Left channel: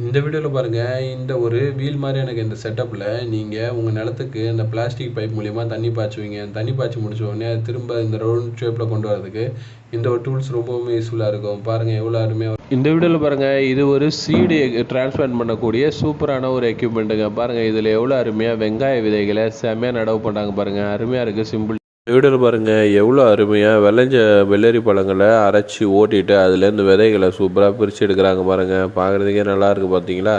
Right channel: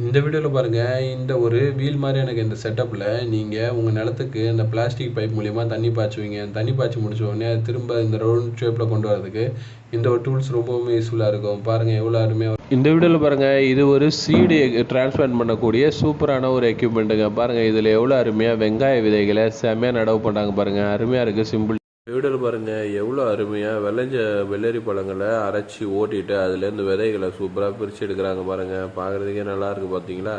இந்த வீடியோவில் பாருங்கள் இந்த ஒரு வீல் மாதிரி எனக்கு இந்த செட்டப்பில் நீங்கள் உங்கள் நிலத்துக்கு இந்த பிளாஸ்டிக் பைப் மூலிமா தண்ணி பாய்ச்சுவீங்க. தண்ணி பாய்ச்சி முடிச்ச உடனே அது திரும்ப இந்த ரவுண்ட் ஷேப்பில் கொண்டு வரதுக்கு இந்த ஒரு டூல்ஸ் ரொம்பவுமே யூஸ்ஃபுல்லாக இருக்கும். பாருங்கள் எவ்வளோ அருமையாக இந்த வீடியோவில் பாருங்கள் இது ஒரு சீடு டிரான்ஸ்பிளான்ட் பண்ணக்கூடிய சூப்பரான ஒரு எக்யூப்மெண்ட்டுங்க பாருங்கள் இதில் எவ்வளோ அருமையாக வெங்காய விதைகளை செம்மையாக நடவு பண்ணுறாங்க பாருங்கள் அருமையாக இருக்குது சிம்பிள் வீடியோவில் பாருங்கள் எவ்வளோ அருமையாக விளைஞ்ச வெள்ளரி பழங்களை அரைச்சி ஓட்டிட்டு அதுலேருந்து விதைகளை சூப்பராக பிரித்து எடுக்கிறாங்க பாருங்கள் பார்க்குறதுக்கே நல்லா இருக்குது பார்த்தீங்களா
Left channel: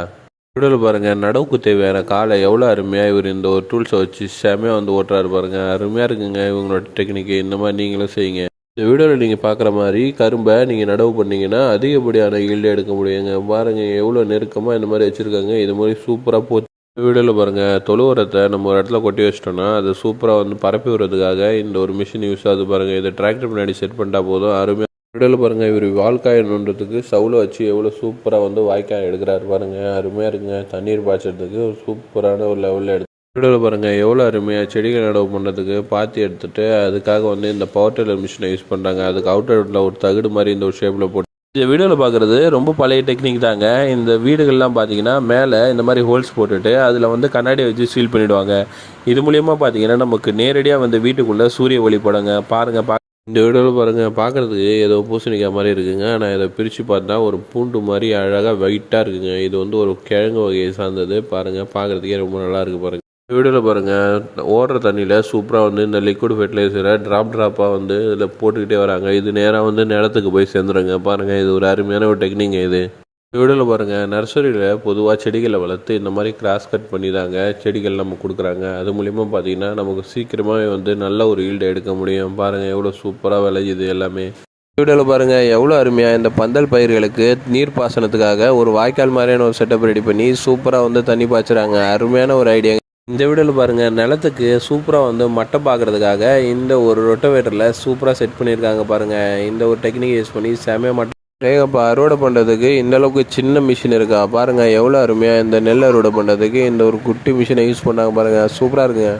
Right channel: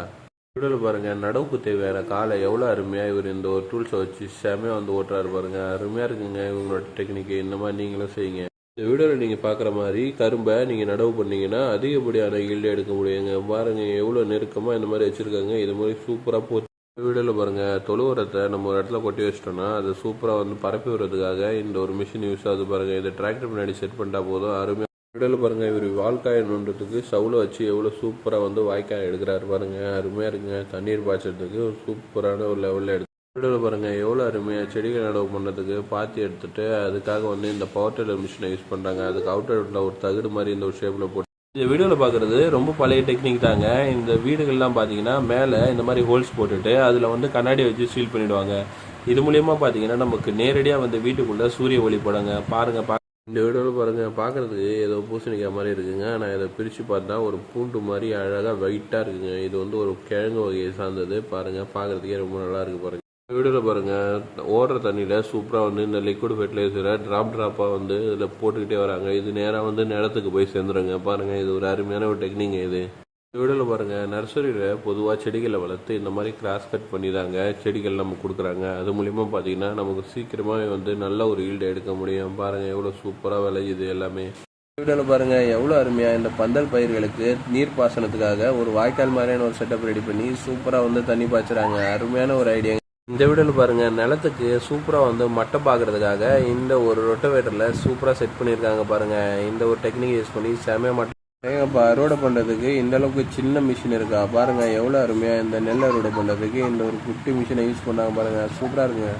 வீடியோவில் பாருங்கள் நடவுக்கு தேவையான காலை எவ்வளோ அருமையாக இவர் இந்த ஒரு டூல்ஸை வச்சு செமையாக வந்து ஓட்டுறாரு பாருங்கள் அருமையாக இருக்குங்க இவங்களோட டெக்னிக்கு இந்த மாதிரி நீங்களும் செய்யுங்க. இந்த வீடியோவில் நீங்கள் பார்க்குற மாதிரி கரும்பை நீங்கள் நடவு பண்ணிங்கன்னா அதிகப்படியான ஈல்டு எடுக்க முடியுங்க. பாருங்கள் எவ்வளோ நெருக்கமாக இந்த மாதிரி வச்சுருக்காங்க. இது மாதிரி சூப்பராக போ வீடியோவில் பாருங்கள் தொழு உரத்தை நம்ம ஒரு இடத்துல கொட்டி வச்சிட்டோம்னா அது சூப்பராக வந்து பரப்பி விடுறதுக்காக இந்த ஒரு மிஷின் யூஸ் ஆகுது பாருங்கள் இதை டிராக்டர் முன்னாடி செட் பண்ணிட்டா போதும். அருமையாக வீடியோவில் பாருங்கள் இவர் வால்காய் நோண்டுறதுக்கு சவுளை வச்சு எவ்வளோ சூப்பராக வந்து வாய்க்காய் எடுக்கிறாரு பாருங்கள் அருமையாக இருக்குங்க. தண்ணீர் பாய்ச்சறதுக்கு ஒரு சூப்பரான ஒரு லெவலில் எடுத்து வீடியோவில் பாருங்கள் எவ்வளோ அருமையாக செடிகள் நடவு பண்ணுறதுக்கு பாத்தி எடுத்துகிட்டு அதுக்காக வந்து இந்த பவர் டில்லர் மிஷினை யூஸ் பண்ணுறாங்க அதுக்கு அவுட்டர் ஒரு தகுடு மாதிரி இந்த ஒரு ஷேப்பில் போட்டு இந்த வீடியோவில் பார்க்குறது ரொம்ப பழைய டெக்னிக் தாங்க. இந்த வீடுகள்லாம் பார்த்தீங்கன்னா மேலே இந்த மாதிரி ஹோல்ஸ் போட்டுட்டு அதில் வந்து கண்ணாடி வச்சு சீல் பண்ணிவிடுவாங்க இது மூலியமாக பார்த்தீங்கன்னா நமக்கு நேரடியாக வந்து வீட்டுக்குள்ளே சூரிய ஒளி படங்க. பாருங்கள் பா இந்த வீடியோவில் பாருங்கள் பார்க்குறதுக்கு ஏதோ பூசணிக்காய் மாதிரி இருக்குங்க. ஆனால் இதை பிரித்து பார்த்தா ஒரு பூண்டு மாதிரி அழகாக வெயிட்டாக இருக்குங்க. இது வந்து ஒரு கிழங்கு வகையை சார்ந்தது. பாருங்கள் பார்க்குறதுக்கே ரொம்ப நல்லா இருக்குது பாருங்கள் வீடியோவில் பாருங்கள் ஓடுற தண்ணியில் சூப்பராக வந்து இந்த லிக்விட் ஃபெர்டிலைசரை ட்ராப் ட்ராப்பாக வந்து இதில் போட்டுக்கிட்டே வராங்க. இது நேராக வந்து நிலத்துக்கு போய் சேர்ந்துருங்க. பாருங்கள் இது ஒரு அருமையான ஒரு டெக்னிக் இது. வீடியோவில் பாருங்கள் நர்சரியில் பொதுவாக செடிகளை வளர்த்து இந்த மாதிரி கிராஸ் கட் பண்ணி தாங்க செடிகள் நம்ம கொடுக்குறாங்க. அது மூலிமா பார்த்தீங்கன்னா நமக்கு சீக்கிரமாகவே வந்து நல்ல ஒரு ஈல்டு எடுக்க முடியும். பாருங்கள் எவ்வளோ சூப்பராக விளையுது எல்லாமே. வீடியோவில் பாருங்கள் எவ்வளோ அருமையாக இந்த பந்தல் பயிர்களுக்கு நீர் பாசனத்துக்காக ஒரு வாய்க்கால் மாதிரியான ஒரு செட்டப் ரெடி பண்ணி சூப்பராக வந்து தண்ணி பாய்ச்சுறாங்க. அருமையான ஒரு ஐடியா இந்த வீடியோவில் பாருங்கள் நிலத்துக்கு சூப்பராக வந்து மட்டை பார்க்குறதுக்காக இந்த ஒரு ரொட்டவேட்டரில் சூப்பராக செட் பண்ணியிருக்காங்க பாருங்கள் இந்த ஒரு டெக்னிக் யூஸ் பண்ணி செமையாக மட்டை இப்போ அறுவடை பண்ணுறதுக்கு இந்த அளவுக்கு சின்ன மிஷின் இருக்கா? பாருங்கள் எவ்வளோ அருமையாக இந்த நெல் அறுவடை பண்ணுறதுக்கு இந்த ஒரு குட்டி மிஷினை யூஸ் பண்ணாங்க பாருங்கள் சூப்பராக இருக்குங்க.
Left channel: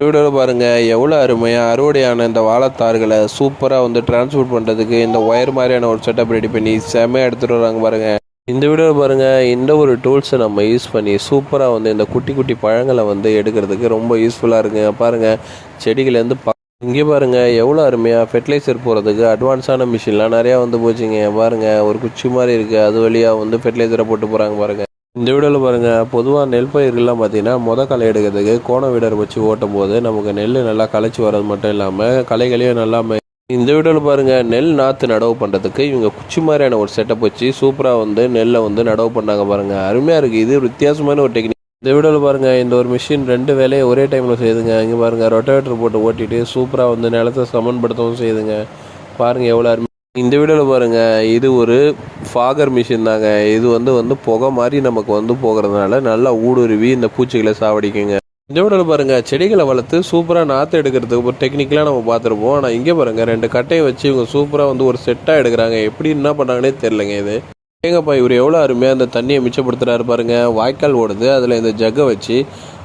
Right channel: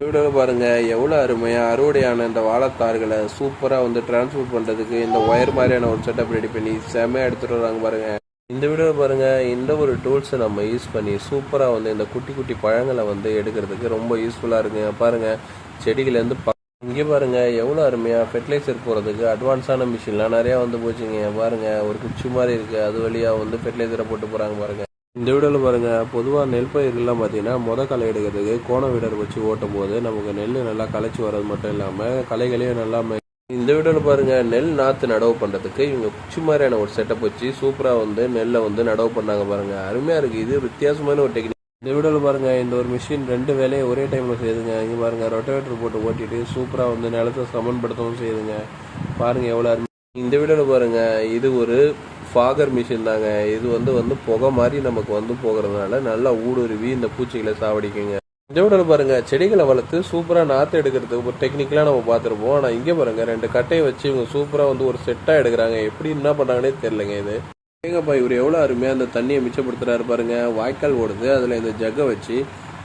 வீடியோவில் பாருங்கள் எவ்வளோ அருமையாக அறுவடையான இந்த வாழைத்தார்களை சூப்பராக வந்து டிரான்ஸ்போர்ட் பண்ணுறதுக்கு இந்த ஒயர் மாதிரியான ஒரு செட்டப் ரெடி பண்ணி செமையாக எடுத்துகிட்டு வராங்க பாருங்கள் இந்த வீடியோ பாருங்கள் இந்த ஒரு டூல்ஸை நம்ம யூஸ் பண்ணி சூப்பராக வந்து இந்த குட்டி குட்டி பழங்களை வந்து எடுக்கிறதுக்கு ரொம்ப யூஸ்ஃபுல்லாக இருக்குங்க. பாருங்கள் செடிகள்லேருந்து ப இங்கே பாருங்கள் எவ்வளோ அருமையாக ஃபெர்டிலைசர் போகிறதுக்கு அட்வான்ஸான மிஷின்லாம் நிறையா வந்து போச்சுங்க. பாருங்கள் ஒரு குச்சி மாதிரி இருக்குது அது வழியாக வந்து ஃபெர்டிலைசரை போட்டு போகிறாங்க பாருங்கள் இந்த வீடியோவில் பாருங்கள் பொதுவாக நெல் பயிர்கள்லாம் பார்த்தீங்கன்னா மொத களை எடுக்கிறதுக்கு கோண வீடர் வச்சு ஓட்டும் போது நமக்கு நெல் நல்லா களைச்சி வர்றது மட்டும் இல்லாமல் களைகளையும் நல்லா இந்த வீடியோவில் பாருங்கள் நெல் நாற்று நடவு பண்ணுறதுக்கு இவங்க குச்சி மாதிரியான ஒரு செட்டப் வச்சு சூப்பராக வந்து நெல்லை வந்து நடவு பண்ணாங்க பாருங்கள் அருமையாக இருக்குது இது வித்தியாசமான ஒரு டெக்னிக் இந்த வீடியோவில் பாருங்கள் இந்த ஒரு மிஷின் ரெண்டு வேலையை ஒரே டைமில் செய்யுதுங்க இங்கே பாருங்கள் ரொட்டவேட்டர் போட்டு ஓட்டிட்டு சூப்பராக வந்து நிலத்தை சமன்படுத்தவும் செய்யுதுங்க பாருங்கள் எவ்வளோ அருமை. இந்த வீடியோவில் பாருங்கள் இது ஒரு ஃபாகர் மிஷின் தாங்க. இது வந்து வந்து புகை மாதிரி நமக்கு வந்து போகிறதுனால நல்லா ஊடுருவி இந்த பூச்சிகளை சாவடிக்குங்க. இந்த பாருங்கள் செடிகளை வளர்த்து சூப்பராக நாற்று எடுக்கிறதுக்கு ஒரு டெக்னிக்கலாக நம்ம பார்த்துருப்போம். ஆனால் இங்கே பாருங்கள் ரெண்டு கட்டையை வச்சு இவங்க சூப்பராக வந்து ஒரு செட்டாக எடுக்கிறாங்க. எப்படி என்ன பண்ணுறாங்கன்னே தெரிலங்க இது. ஏங்கப்பா இவர் எவ்வளோ அருமையாக அந்த தண்ணியை மிச்சப்படுத்துகிறாரு பாருங்கள் வாய்க்கால் ஓடுது அதில் இந்த ஜக்கை வச்சு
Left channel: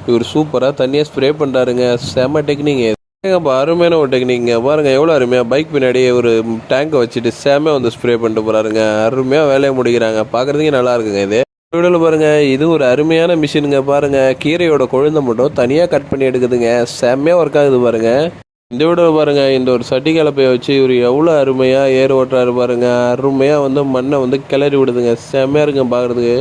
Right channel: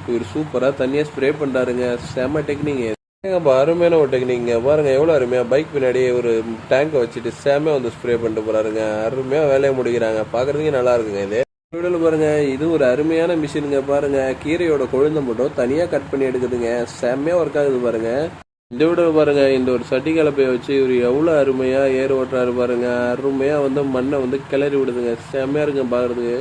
இவர் சூப்பராக தண்ணியை ஸ்ப்ரே பண்ணுறாருங்க செம டெக்னிக் ஏங்கப்பா அருமையான ஒரு டெக்னிக்ங்க பாருங்கள் எவ்வளோ அருமையாக பைக் பின்னாடியே ஒரு டேங்கை வச்சுட்டு செம வந்து ஸ்ப்ரே பண்ணிட்டு போகிறாருங்க அருமையாக வேலையை முடிக்கிறாங்க. பார்க்குறதுக்கே நல்லா இருக்குங்க இது. வீடியோவில் பாருங்கள் இது ஒரு அருமையான மிஷினுங்க பாருங்கள் கீரையோட கொழுந்தை மட்டும் தனியாக கட் பண்ணி எடுக்குதுங்க. செம்மையாக ஒர்க் ஆகுது பாருங்கள் இந்த வீடியோவில் பாருங்கள் இந்த ஒரு சட்டி கலப்பையை வச்சு இவர் எவ்வளோ அருமையாக ஏர் ஓட்டுறாரு பாருங்கள் அருமையாக வந்து மண்ணை வந்து கிளறி விடுதுங்க. செம்மையாக இருக்குங்க பார்க்குறதுக்கு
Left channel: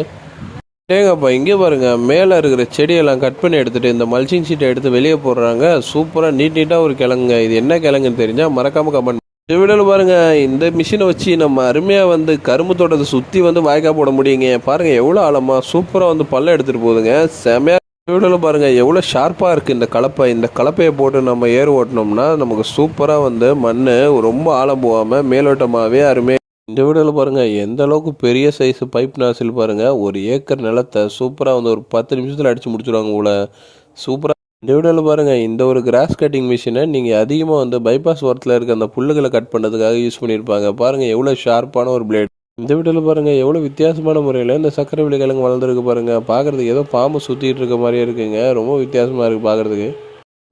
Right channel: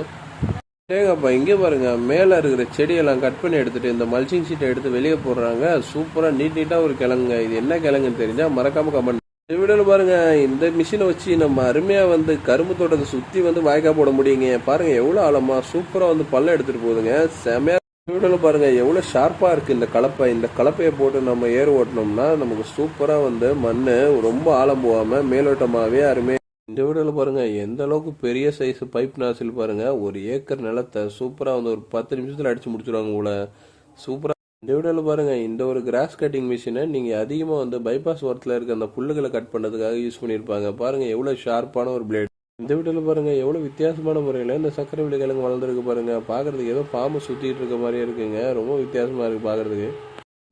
ஏங்கப்பா இங்கே பாருங்கள் மேலே இருக்கிற செடியெல்லாம் கட் பண்ணி எடுத்துகிட்டு இந்த மல்ச்சிங் ஷீட்டை எடுத்து வெளியே போடுறாங்க. சூப்பராக நீட் நீட்டாக ஒரு கிழங்குங்க. இது என்ன கிழங்குன்னு தெரிஞ்சால் மறக்காமல் கமெண்ட் இந்த வீடியோவில் பாருங்கள் இந்த மிஷினை வச்சு நம்ம அருமையாக வந்து கரும்பு தோட்டத்தை சுற்றி வந்து வாய்க்கால் போட முடியுங்க. பாருங்கள் எவ்வளோ ஆழமாக சூப்பராக வந்து பல்ல எடுத்துகிட்டு போகுதுங்க. செமையாக வீடியோவில் பாருங்கள் எவ்வளோ ஷார்ப்பாக இருக்குது இந்த கலப்பை. இந்த கலப்பையை போட்டு நம்ம ஏர் ஓட்டினோம்னா நமக்கு சூப்பராக வந்து மண் ரொம்ப ஆழம் போகாமல் மேலோட்டமாகவே அருமையாக இந்த வீடியோவில் பாருங்கள் எந்த அளவுக்கு பெரிய சைஸ் பைப் நாசில் பாருங்கள் ஒரு ஏக்கர் நிலத்தை சூப்பராக வந்து ஒரு பத்து நிமிஷத்தில் அடித்து முடிச்சுடுவாங்க உங்களை சூப்பராக இந்த வீடியோவில் பாருங்கள் இந்த ஒரு கிராஸ் கட்டிங் மிஷினை நீங்கள் அதிகமாக வந்து பைபாஸ் ஓரத்தில் இருக்க அந்த புல்லுகளை கட் பண்ணுறதுக்காக யூஸ் பண்ணியிருப்பாங்க. பாருங்கள் எவ்வளோ ஷார்ப்பான ஒரு பிளேட் இந்த வீடியோவில் பாருங்கள் எவ்வளோ வித்தியாசமான முறையில் இந்த சக்கரை விழிக்கிழங்கு வளர்ந்துருக்கு பாருங்கள் பார்க்குறதுக்கு ஏதோ பாம்பு சுற்றிட்டு இருக்க மாதிரியே இருக்குங்க. ரொம்ப வித்தியாசமாக இருக்குது பார்க்குறதுக்கு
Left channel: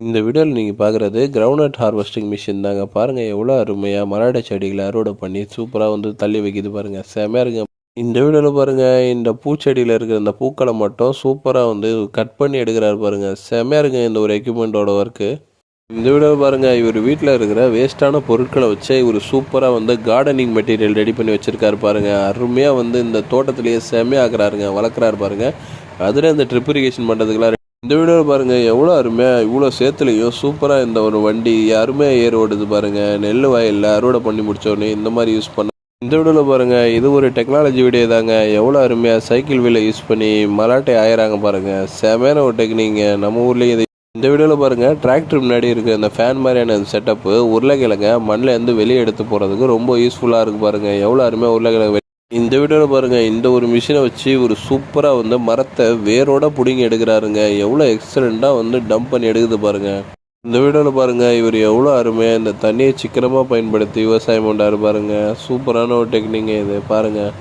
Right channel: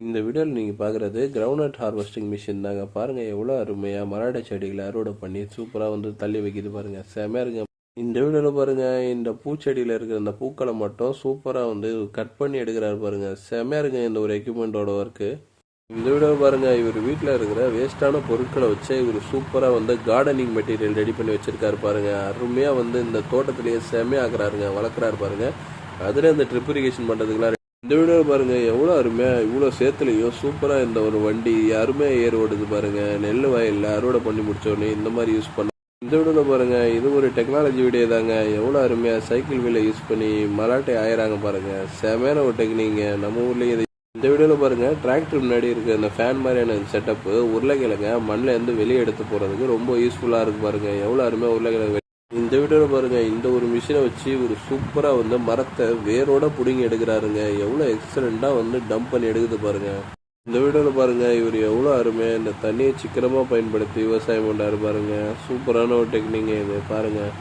இந்த வீடியோவில் நீங்கள் பார்க்குறது கிரவுண்ட் ஹார்வெஸ்டிங் மிஷின் தாங்க. பாருங்கள் எவ்வளோ அருமையாக மராட செடிகளை அறுவடை பண்ணி சூப்பராக வந்து தள்ளி வைக்கிது பாருங்கள் செமையாக இருக்குங்க இந்த வீடியோவில் பாருங்கள் இந்த பூச்செடியில் இருக்கிற இந்த பூக்களை மட்டும் சூப்பராக வந்து கட் பண்ணி எடுக்கிறாரு பாருங்கள் செம்மையாக இருக்குங்க இந்த ஒரு எக்யூப்மெண்ட்டோட ஒர்க்கு இந்த வீடியோவில் பாருங்கள் இவர் வீட்டில் இருக்கிற வேஸ்ட்டான பொருட்களை வச்சு இவர் சூப்பராக வந்து கார்டனிங் மெட்டீரியல் ரெடி பண்ணி வச்சுருக்காரு பாருங்கள் அருமையாக வந்து இந்த தோட்டத்திலேயே செமையாக்குறாருங்க வளர்க்குறாரு பாருங்கள் அதில் இந்த ட்ரிப் இரிகேஷன் பண்ணுறதுக்குலாம் இந்த வீடியோவில் பாருங்கள் எவ்வளோ அருமையாக இவ்வளோ சேத்துலையும் சூப்பராக இந்த ஒரு வண்டி அருமையாக ஏர் ஓடுது பாருங்கள் நெல் வயலில் அறுவடை பண்ணி முடித்தோடனே இந்த மாதிரி யூஸ் பண்ண இந்த வீடியோவில் பாருங்கள் இது ஒரு டெக்னாலஜி வீடியோ தாங்க. எவ்வளோ அருமையாக சைக்கிள் வீலை யூஸ் பண்ணி மலாட்டை ஆயிராங்க பாருங்கள் செமையான ஒரு டெக்னிங்க நம்ம ஊர்லேயும் இது இந்த வீடியோவில் பாருங்கள் டிராக்டர் முன்னாடி இருக்க இந்த ஃபேன் மாதிரியான செட்டப்பு உருளைக்கிழங்க மண்ணில் இருந்து வெளியே எடுத்து போகிறதுக்கு ரொம்ப யூஸ்ஃபுல்லாக இருக்குது பாருங்கள் எவ்வளோ அருமையாக உருளைக்கிழங்கு இந்த வீடியோவில் பாருங்கள் இந்த ஒரு மிஷினை வச்சு ஒரு சூப்பராக வந்து மரத்தை வேரோட பிடுங்கி எடுக்கிறாருங்க. எவ்வளோ எக்ஸலண்ட்டாக வந்து டம்ப் பண்ணி எடுக்குது பாருங்கள் இந்த வீடியோவில் பாருங்கள் இவர் எவ்வளோ அருமையாக இந்த தண்ணியை சிக்கனமாக பயன்படுத்தி விவசாயம் பண்ணாரு பாருங்கள் சூப்பரான ஒரு டெக்னிக் இது பாருங்கள்